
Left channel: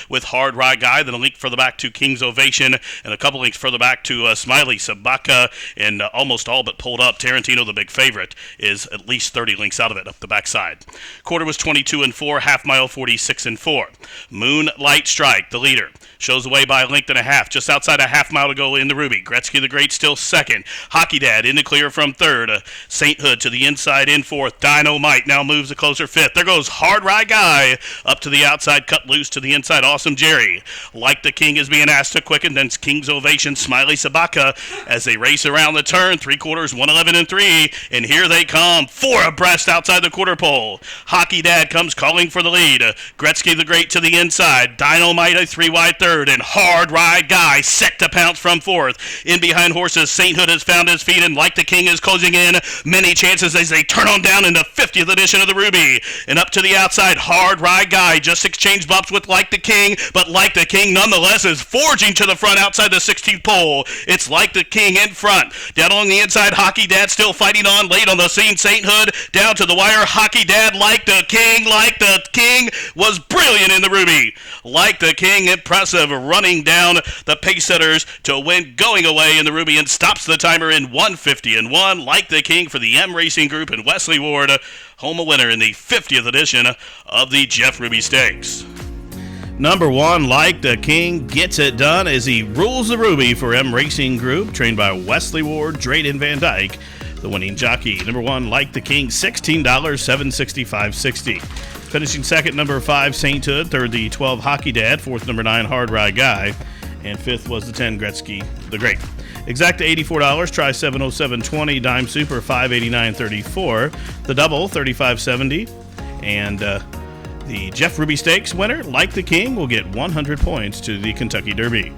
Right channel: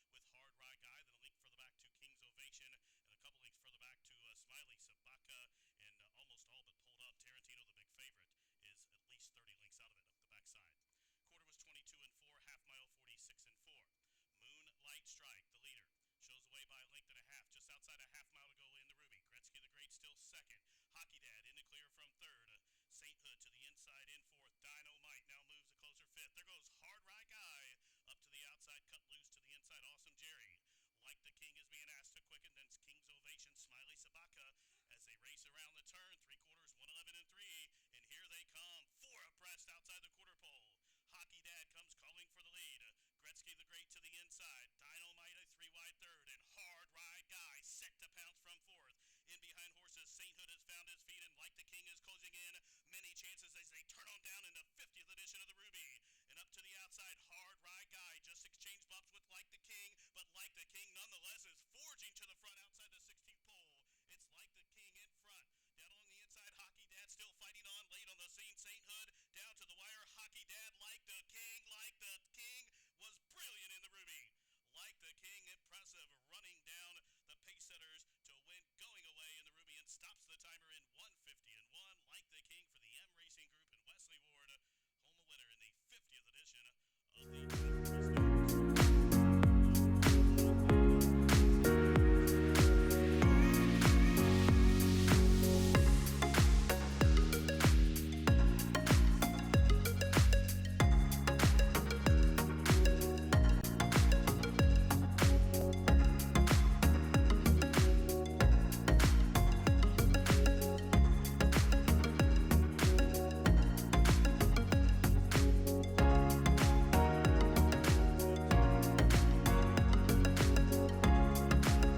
with Hard Rye Guy, then a link further back to King's Ovation, and a couple links further back to SMILEY, SOBOTKA, and almost all but pulled up. Tarantino, the big favorite, is at least 30 links out of it up the backside. Quarter was 22 and 4, half mile 46 and 4. Moonlight Strike, the leader, shows the way by a length and a half, just outside a half mile to go in the Ruby. Gretzky the Great still second. Hockey Dad in the clear from third. Sainthood to the inside in fourth. Dynamite now moves a closer fifth. There goes Hard Rye Guy up to the outside, cut loose to the inside. Awesome Jerry. Like the King is being asked to quicken. Then King's Ovation. SMILEY SOBOTKA as they race around the turn. 3/4, 111 and 3. And here they come. 4 abreast outside the quarter pole. Hockey Dad comes calling for the lead. GRETZKY the Great to the inside. Dynamite a 3 wide third. And Hard Ride Guy set to pounce from fourth. In behind horses, Sainthood has found his feet, and Like the King is closing in. Many chances as they turn on down in the 50th edition of the Ruby. And up to the outside, Hard Ride Guy just exchanged bumps with Like the King, but Like the King nonetheless is forging to the front outside the 16th pole. It's Like the King in front. Down along the inside, Hockey Dad still fighting on. Late on the scene, Sainthood down to the wire. Hockey Dad, Like the King. Like the King was brilliant in the Ruby. Like the King, impressive, running down the pace setters to win, going away in the Ruby, and stops the timer in 1:50-1. Like the King for the M Racing Group and Wesley Ward, home a winner in the 50th edition of the Jeff Ruby Stakes. Number 1, Like the King, gets it done as he rules the Ruby for M Racing Group, trained by Wesley Ward, Drayden Van Dyke, the winning jockey. Number 1, Like the King, $16, $765.60. Finishing second, number 5, Sainthood. Third, the 12, Hockey Dad. Fourth, number 9, Hard Ride Guy. And fifth was the 10, GRETZKY the Great. Exact $84, try 707.20, dime super 589.34, the double 35.70, and the Jeff Ruby Stakes winner, Like the King, will get 100 points to the Kentucky Derby.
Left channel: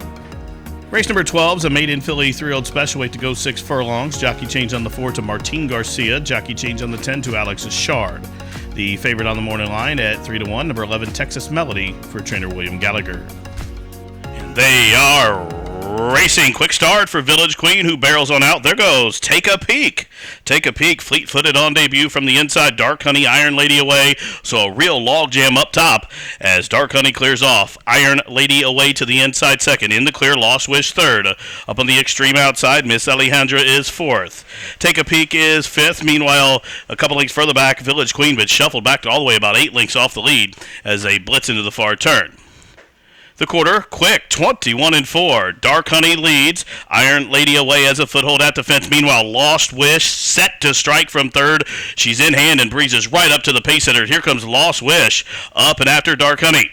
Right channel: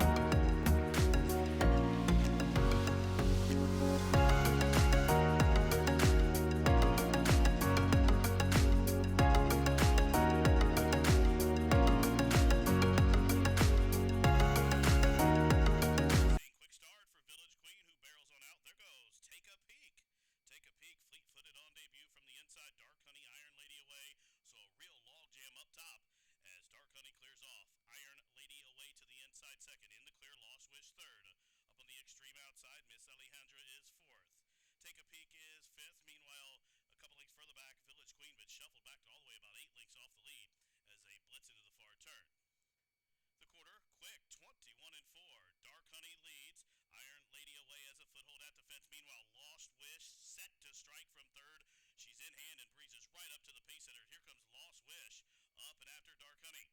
Race number 12 is a maiden filly 3-year-old special weight to go 6 furlongs. Jockey change on the 4 to Martin Garcia. Jockey change on the 10 to Alex Shard. The favorite on the morning line at 3-1, number 11, Texas Melody for trainer William Gallagher. They are racing. Quick start for Village Queen, who barrels on out. There goes Take a Peek. Take a Peek, fleet-footed on debut from the inside. Dark Honey, Iron Lady away. So a real logjam up top as Dark Honey clears off. Iron Lady away to the inside second. In the clear, Lost Wish third. Up on the extreme outside, Miss Alejandra is fourth. Take a Peek is fifth. Meanwhile, a couple lengths further back, Village Queen, but shuffled back all the way about 8 lengths off the lead as they blitz into the far turn. The quarter, quick, 21-4. Dark Honey leads. Iron Lady away as a foothold at the fence. Meanwhile, Lost Wish set to strike from third. She's in hand and breezes right up to the pace setter. Here comes Lost Wish up and after Dark Honey.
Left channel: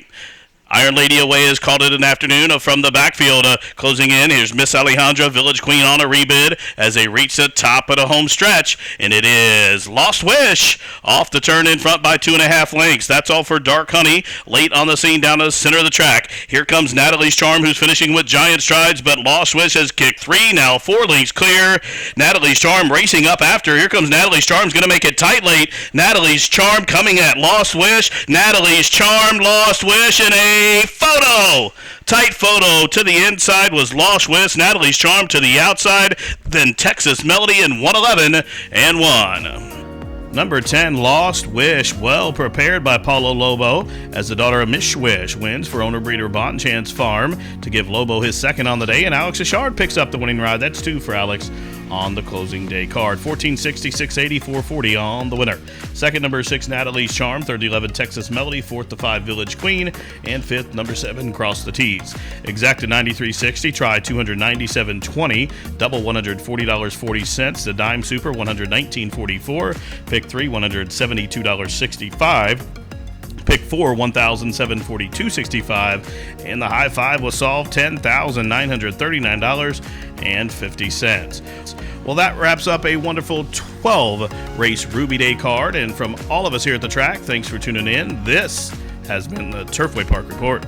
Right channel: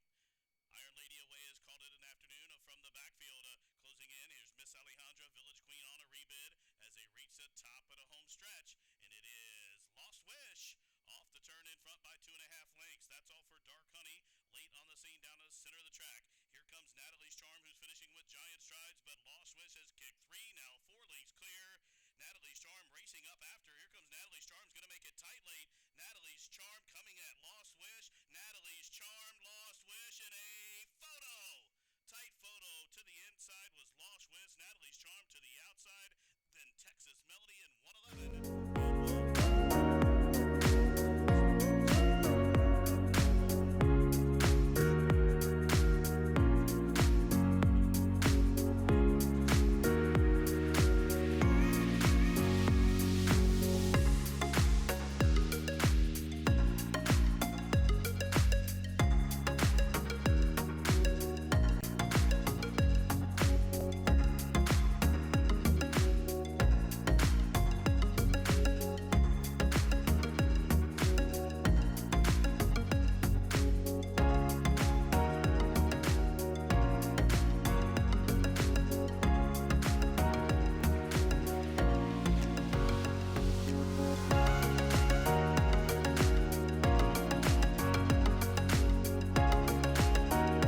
Iron Lady away has called it an afternoon from the backfield. Closing in, here's Miss Alejandra, Village Queen on a rebid as they reach the top of the home stretch. And it is Lost Wish off the turn in front by 2.5 lengths. That's all for Dark Honey. Late on the scene down to the center of the track. Here comes Natalie's Charm, who's finishing with giant strides, but Lost Wish has kicked 3, now 4 lengths clear. Natalie's Charm racing up after. Here comes Natalie's Charm's going to make it tight late. Natalie's Charm coming at Lost Wish. Natalie's Charm, Lost Wish, and a photo. Tight photo to the inside was Lost Wish. Natalie's Charm to the outside. Then Texas Melody in 111-1. Number 10, Lost Wish, well prepared by Paulo Lobo as the daughter of Miss Wish wins for owner-breeder Bonchance Farm to give Lobo his second on the day, and Alex Ashard picks up the winning ride. That's 2 for Alex on the closing day card. 1460, 680, 440 on the winner. Second, number 6, Natalie's Charm. Third, 11, Texas Melody. Fourth to 5, Village Queen. And fifth, number 7, Cross the T's. Exacted 93.60. Try 297.20. Double $140.40. The dime super $119.44. Pick 3, $172.65. Pick 4, $1,742.65, and the high five was solved, $10,939.50. Well, that wraps up a wonderful 12-race Ruby Day card, and from all of us here at the track, thanks for tuning in. This has been the Turfway Park Report.